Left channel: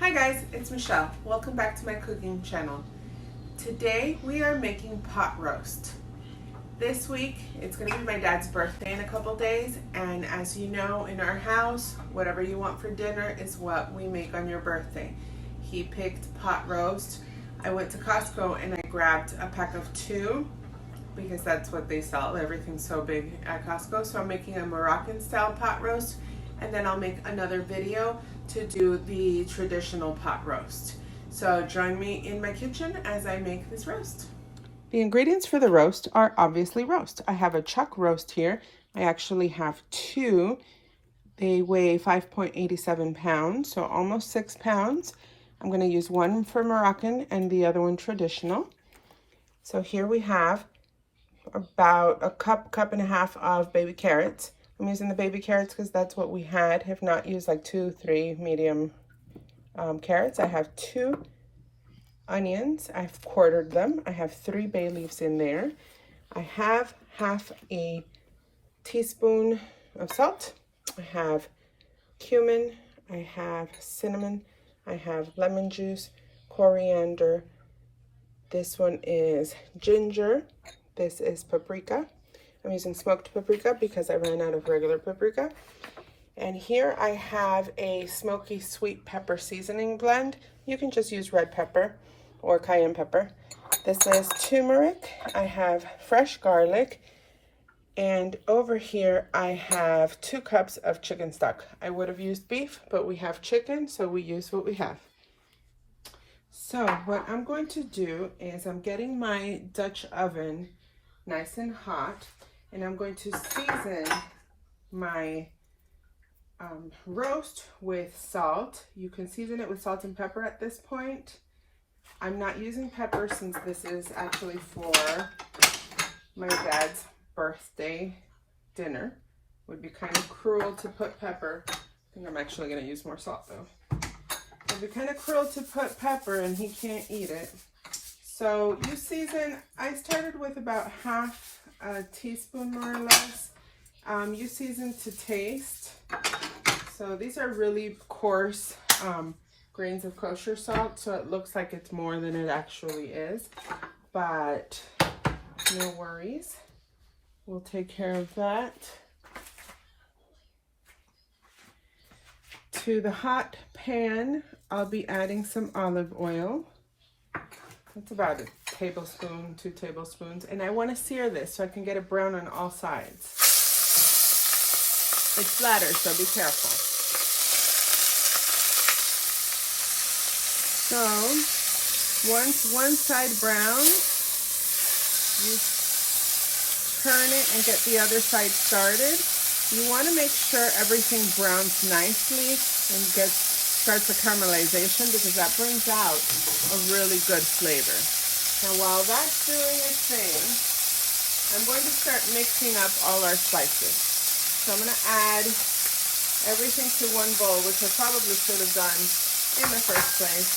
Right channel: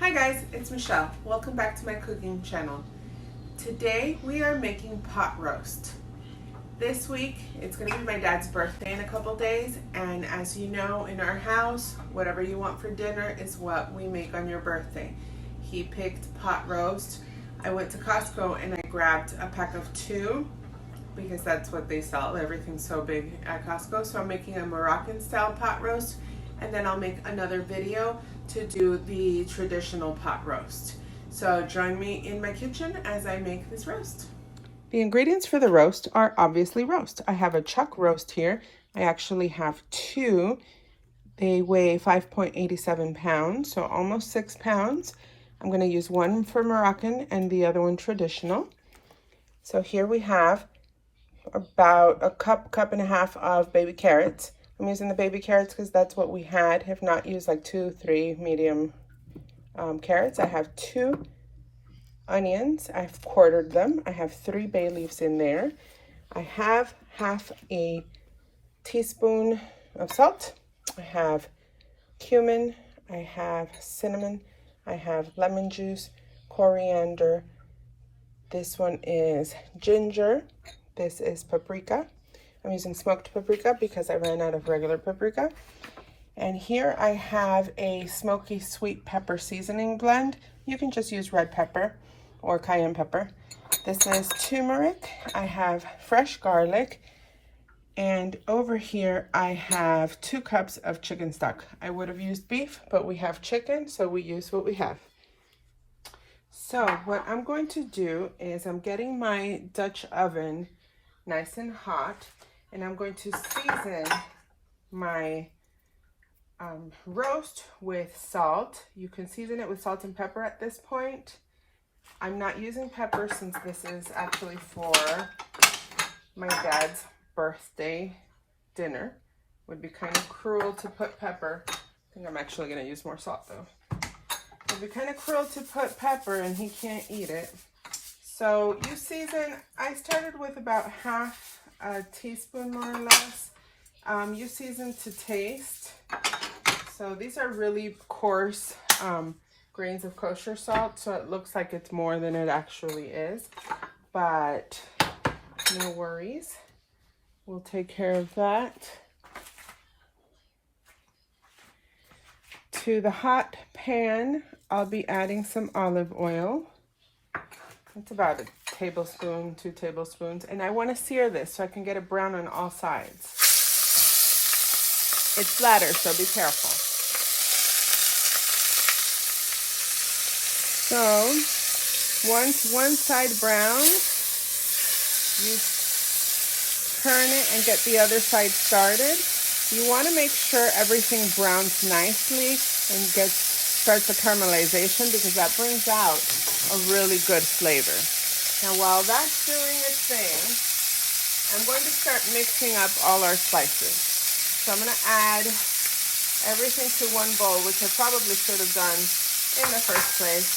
Hi guys, it's Michelle. Welcome back to my cooking channel. Today we are making pot roast. This week it's going to be my dad's birthday in a couple days, and as you know, in our house, whatever you want for dinner is what we make on your birthday. He picked pot roast. I went to Costco and I grabbed a pack of 2 because that's what they sell. Everything's so big at Costco. So I'm making a Moroccan style pot roast, and then I'll make another video to do the traditional pot roast. So join me in my kitchen as I make this roast. The ingredients for the roast are obviously roast. I have a chuck roast here. I actually have 2. They weigh 5.87 pounds, so almost 6 pounds. I'm going to use one for Moroccan and the other one traditional. So here we have about a cup and a half of baby carrots. I'm using the baby carrots because that's what we had. Have not used like 2-3 medium carrots. I have 2 onions. I've quartered them. I have 3 bay leaves in there. I have half a teaspoon of salt. I have cumin. I have cinnamon. I have lemon juice, coriander. This one is ginger. This is paprika. I'm using smoked paprika because I ran out of regular paprika. And here I have a smoky sweet pepper seasoning blend. You can just use red pepper or cayenne pepper. This is turmeric. I have fresh garlic. And over here I have 2 cups of chicken stock. I would have used beef, but we have chicken, so we use what we have. So what I'm going to do is I'm getting my Dutch oven nice and hot, and I'm going to season my roast with salt. You can season it with salt and pepper at this point. I'm not using pepper since this is actually for my dad's birthday dinner. Would be kind of cruel to put pepper. I think I'm actually going to use more salt though. It would be kind of cruel to put pepper and he can't eat it. So you season, I started with about half a teaspoon more or less. You season to taste. So these are really coarse grains of kosher salt, so it looks like it's more than it actually is. But no worries. We'll take care of that. To the hot pan, I'll be adding some olive oil. It's about a tablespoon, 2 tablespoons. And I want to sear this so I can get it brown on all sides. It's flatter, so be careful. So, once one side browns, you turn it and get the other side started. You want to make sure everything browns nicely and starts a caramelization, because that brings out a really good flavor. Now while that's doing its thing, I'm going to start mixing up all our spices. So I'm going to add everything to one bowl, which I probably should have done in the first place,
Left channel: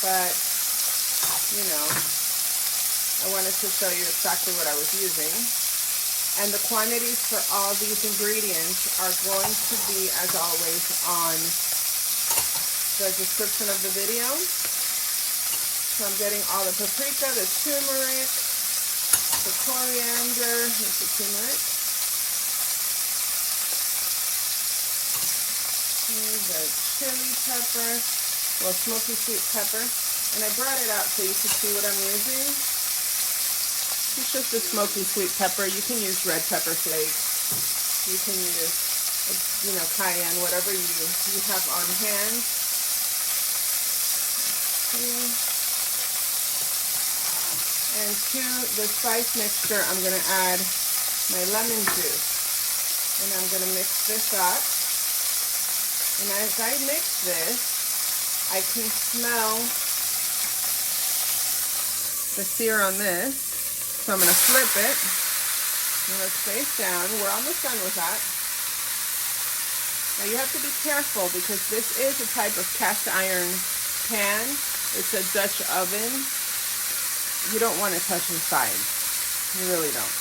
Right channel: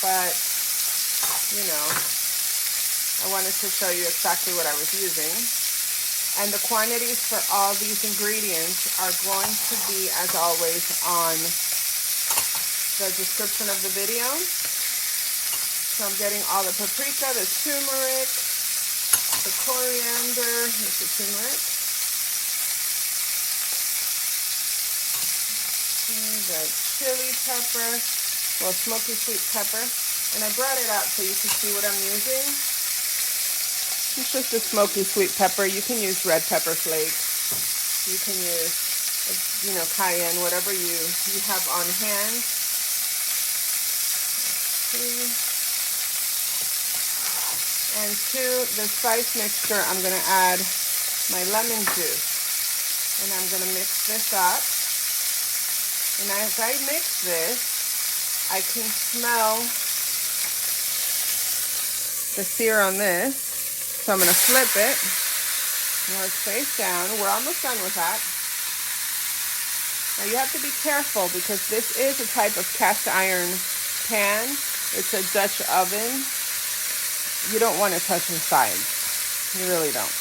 but you know, I wanted to show you exactly what I was using. And the quantities for all these ingredients are going to be, as always, on the description of the video. So I'm getting all the paprika, the turmeric, the coriander, here's the turmeric, the chili pepper, the smoky sweet pepper, and I brought it out so you can see what I'm using. It's just the smoky sweet pepper. You can use red pepper flakes. You can use, you know, cayenne, whatever you have on hand. And to the spice mixture, I'm going to add my lemon juice. And I'm going to mix this up. And as I mix this, I can smell the sear on this. So I'm going to flip it. Now it's face down. We're almost done with that. Now you have to be careful because this is a type of cast iron pan. It's a Dutch oven. You don't want to touch the sides. You really don't.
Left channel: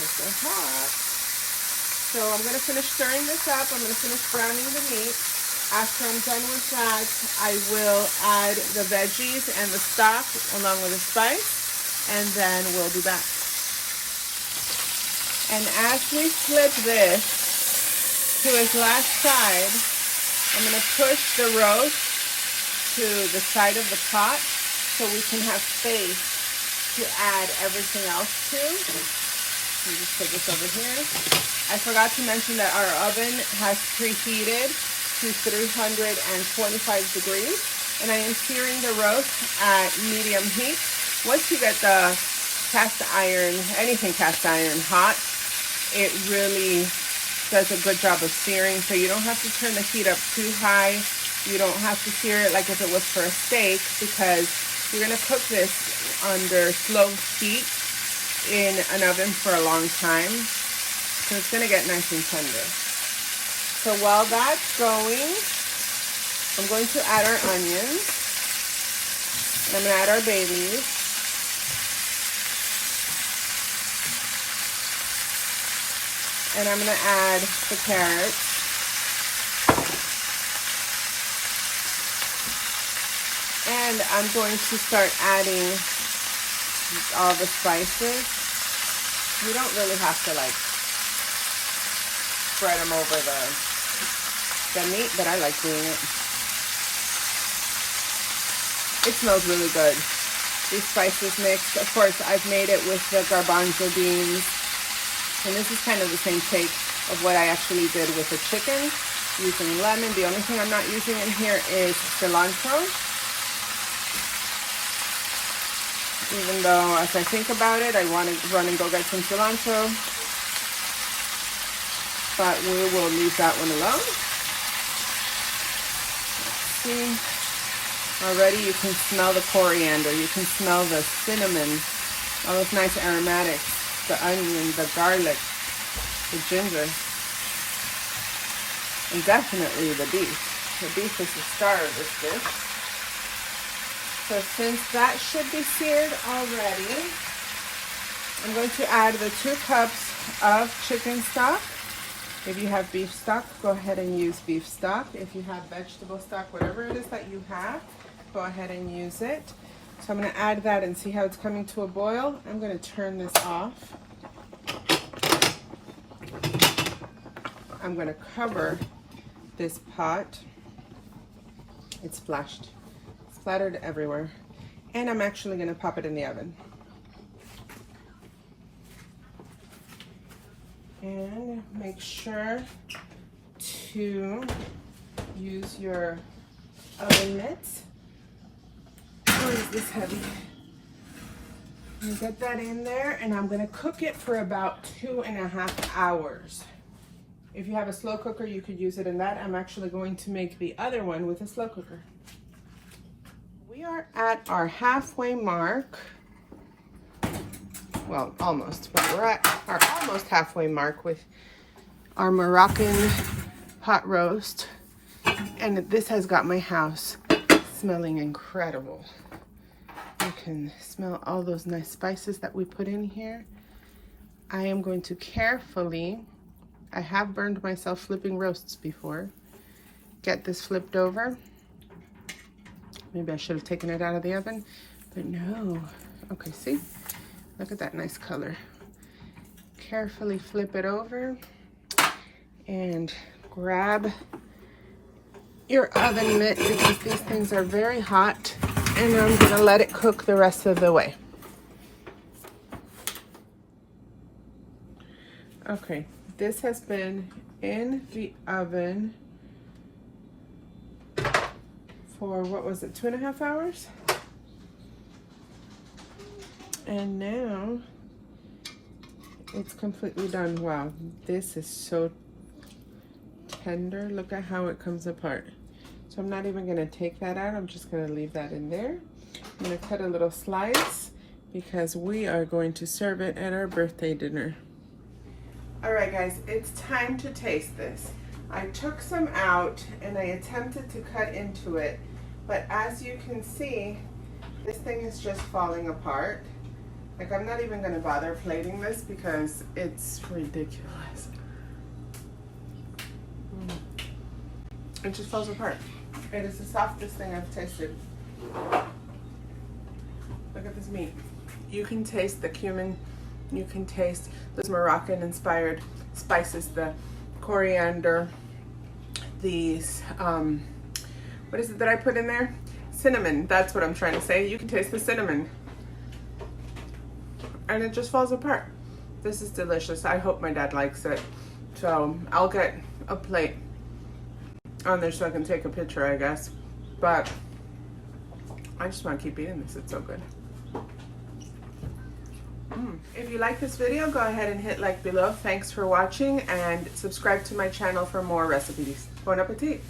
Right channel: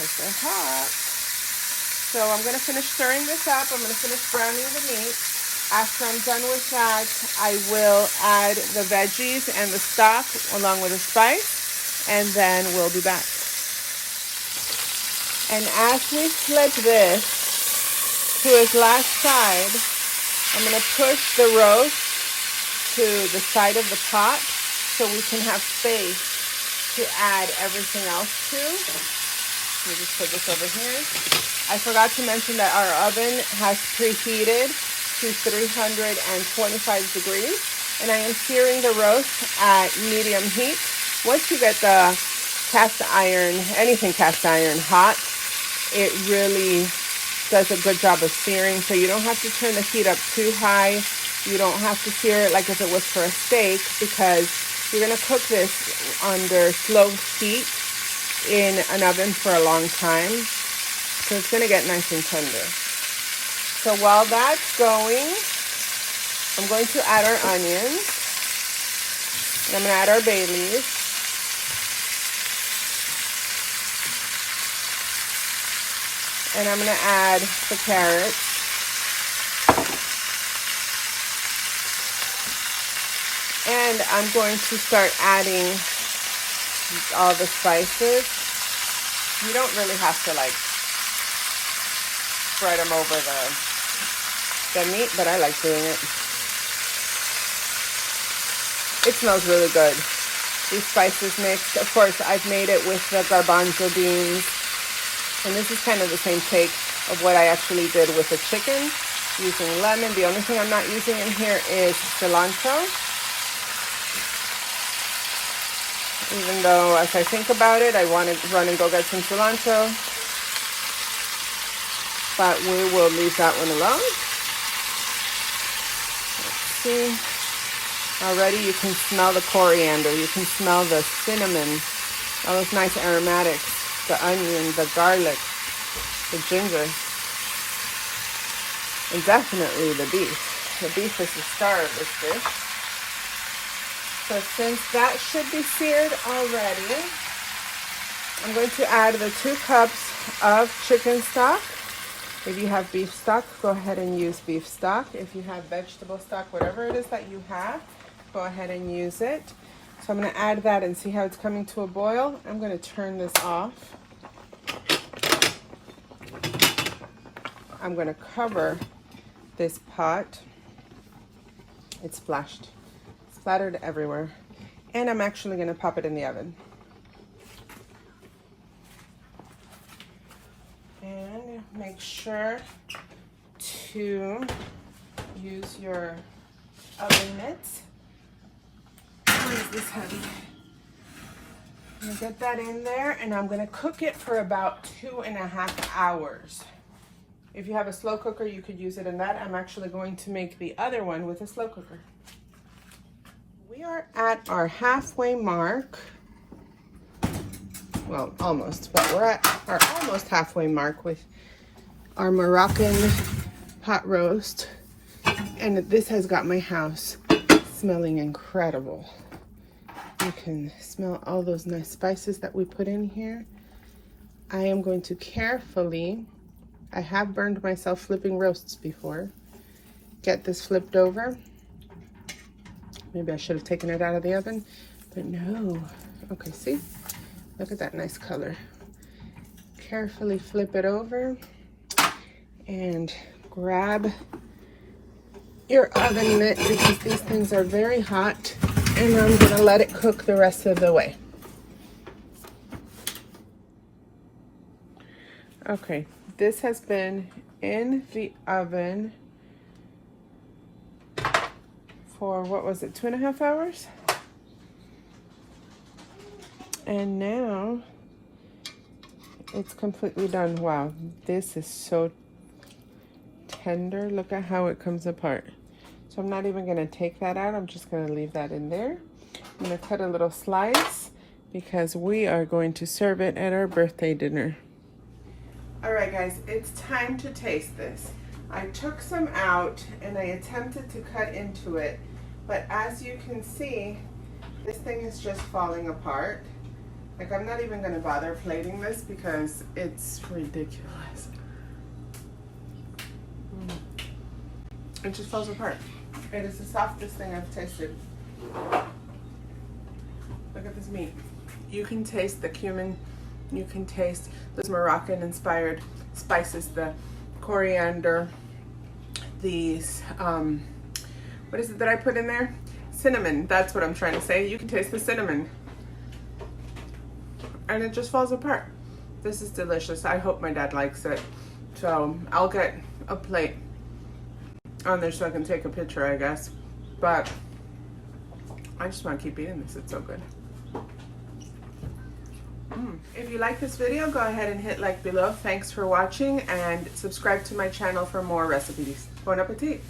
It's so hot. So I'm going to finish stirring this up. I'm going to finish browning the meat. After I'm done with that, I will add the veggies and the stock along with the spice, and then we'll be back. And as we flip this to its last side, I'm going to push the roast to the side of the pot so we can have space to add everything else to. Let me just put this over here. I forgot to mention that our oven has preheated to 325 degrees, and I am searing the roast at medium heat. Once you get the cast iron, anything cast iron hot, it really does a good job of searing, so you don't have to turn the heat up too high. You don't have to sear it like if it was for a steak, because you're going to cook this under slow heat in an oven for a long time, so it's going to get nice and tender. So while that's going, I'm going to add our onions, and I'm going to add our bay leaves. And I'm going to add the carrots. And I'm going to start adding all the spices. You don't really have to like spread them over the meat, but I like doing it. It smells really good. These spices mixed. Of course, I've made it with the garbanzo beans. And this is kind of the same take of what I actually did with the chicken, using lemon. The only thing I'm not using in here is cilantro. Even though, as I think about it, I want to run and go get some cilantro. But we will leave that one alone. Let's see. Already you can smell the coriander. You can smell the cinnamon. All those nice aromatics. The onion, the garlic, the ginger, and definitely the beef. The beef is the star of this dish. So since that should be seared already, I'm going to add the 2 cups of chicken stock. If you have beef stock, go ahead and use beef stock. If you have vegetable stock, whatever it is that you have, go ahead and use it. So I'm going to add that and see how it's coming to a boil. I'm going to turn this off. I'm going to cover this pot. It's splashed, splattered everywhere. And I'm actually going to pop it in the oven. And make sure to use your oven mitts. Or is this heavy? I'm gonna get that in there, and I'm gonna cook it for about 2.5 hours. If you have a slow cooker, you could use it in that. I'm actually going to make the other one with a slow cooker. We are at our halfway mark. Well, almost, but we're at our almost halfway mark with our Moroccan pot roast. And this has got my house smelling incredible. You can smell all those nice spices that we put in here. I am going to carefully, I have burned myself flipping roasts before, get this flipped over. Maybe I should have taken it out of the oven, but no. Okay, see? Look at that nice color. Carefully flip it over and grab your oven mitt, because these things are very hot, and I'm gonna let it cook the rest of the way. Okay, this has been in the oven for, what was it, 2.5 hours? And now it's completely done. Wow, this is so tender. Look at how it comes apart. So I'm not even gonna take that out. I'm just gonna leave that in there. I'm gonna cut a little slice because we are going to serve it at our birthday dinner. All right, guys, it's time to taste this. I took some out and I attempted to cut into it, but as you can see, this thing is just falling apart. Like, I'm not even gonna bother plating this because it's ridiculous. It just falls apart. It is the softest thing I've tasted. Look at this meat. You can taste the cumin. You can taste those Moroccan-inspired spices, the coriander, these, what is it that I put in there? Cinnamon, that's what I'm trying to say. You can taste the cinnamon. And it just falls apart. This is delicious. I hope my dad likes it. So I'll get a plate on there so I can take a picture, I guess. But I just want to keep eating this. It's so good. If you like this video, go ahead and hit like below. Thanks for watching, and subscribe to my channel for more recipes. Bon appetit!